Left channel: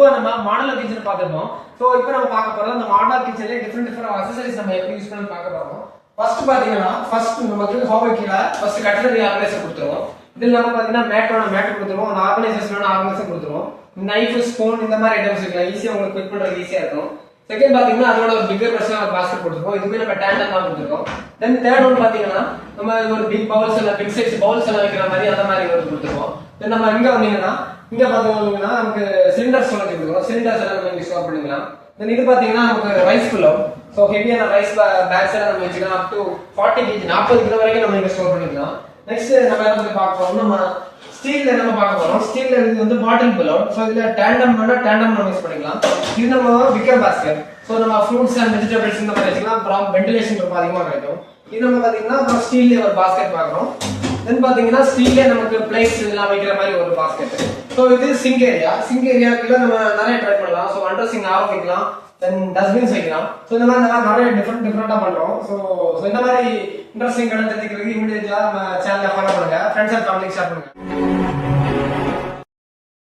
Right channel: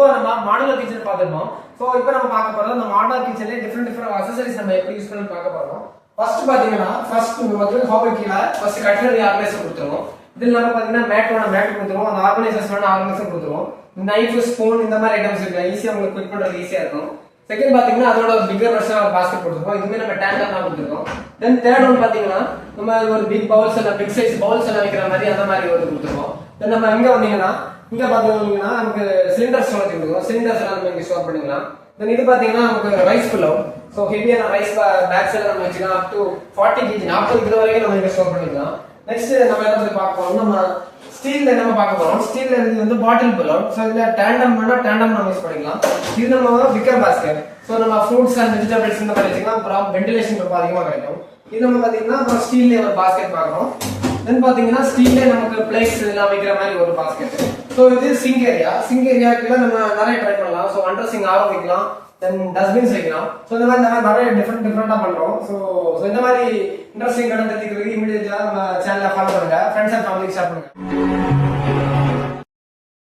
பொதுவாக நம்ம modeller kitchen பார்த்துருந்தோம். ஸோ இப்போ நம்ம பார்க்க போறோம் அந்த மாடலர் கிச்சன்ல டிஃப்ரெண்ட் அக்சசரிஸ் நம்ம எப்படி யூஸ் பண்ணி பார்க்க போறோம். ஃபர்ஸ்ட் பாத்தீங்கன்னா நமக்கு ஹோபர் கீழே ஃபர்ஸ்ட் கட்லரி ஆர்கனைசர் கொடுத்துருவோம். இதில் நம்ம பாத்தீங்கன்னா மேட் கொடுத்துருவோம். அந்த ஆர்கனைசர்ஸ் வேணும் ஆர்கனைசர் கொடுத்துருவோம். நைஃப் ஸ்பூன் இந்த மாதிரி ஐட்டம்ஸ் இருக்கு, ஈஸியாக உங்களுக்கு குக் பண்றது ஈஸியா இருக்கும். செகண்ட் பாத்தீங்கன்னா அதோட ஒரு பிகர் வெர்ஷன் ஒரு பாஸ்கெட் கொடுத்துருக்கோம். இதுவுமே நம்ம டேண்டம் தான் கொடுத்துருக்கோம். தென் தேர்ட் ஒன் பாத்தீங்கன்னா நம்ம ஒரு பிக் பவுல்ஸ் எல்லாம் பிக் சைஸ் பவுல்ஸ் எல்லாம் வைக்கிற மாதிரி அந்த மாதிரி வந்து கொடுத்துருக்கோம். தென் நம்ம இங்க வந்தீங்கன்னா இங்க பாத்தீங்கன்னா நமக்கு சிலிண்டர்ஸ் எல்லாம் கொடுத்துருக்கோம். சிலிண்டர்ஸ் எல்லாம் நம்ம இங்க ஸ்டோர் பண்ணிக்கலாம். தென் இது பாத்தீங்கன்னா நமக்கு ரைஸ் புல்லோ, ஸோ ஹெவியான ரைஸ் பேக்ஸ் எல்லாம் நம்ம வச்சுக்கலாம். அப் டு 40 kg 40 கிலோ வரைக்கும் நம்ம இங்க ஸ்டோர் பண்ணிக்கலாம். நெக்ஸ்ட் நம்ம என்ன பத்தி பார்க்க போறோம், நம்ம ஸ்டீல்ல நம்ம பார்க்க போறோம். ஸ்டீல்ல இது வந்து பாட்டில் புல்லோ, ஸோ இதுல டேண்டம் நம்ம யூஸ் பண்ணிக்கலாம். இது நம்ம விக்கர் பாஸ்கெட், ஸோ நம்ம ஃப்ரூட்ஸ் அண்ட் வெஜிடபிள்ஸ் இந்த மாதிரி வச்சுக்கலாம். அப்புறம் வென்டிலேஷன் ரொம்ப அதிகமாக கிடைக்கும். இது நம்ம பாத்தீங்கன்னா அப்புறம் ஸ்டீல்ல ஒரு பாஸ்கெட் பார்க்குறோம். தென் பாத்தீங்கன்னா ஸ்டீல்ல நமக்கு பிளேட்ஸ் இதெல்லாம் வைக்கிற மாதிரி ஒரு பாஸ்கெட். ஸோ இது சிங்க் ஏரியாக்குள்ள நம்ம நிறைய ட்ரை பண்ணலாம். ஸோ அண்டர் சிங்க் ஆரம்பிக்கலாம். தென் டஸ்ட்பின்ஸ் வைக்கலாம். ஸோ இந்த மாதிரி நிறைய டிஃப்ரெண்டா பண்றோம். ஸோ இந்த மாதிரி இன்ட்ரெஸ்டிங் தெரிஞ்சுக்கிறதுக்கு இமீடியட்டா நம்ம சேனலை ஃபாலோ பண்ணுங்க, ஃப்ரெண்ட்ஸ் அண்ட் ஃபேமிலிக்கு ஷேர் பண்ணுங்க.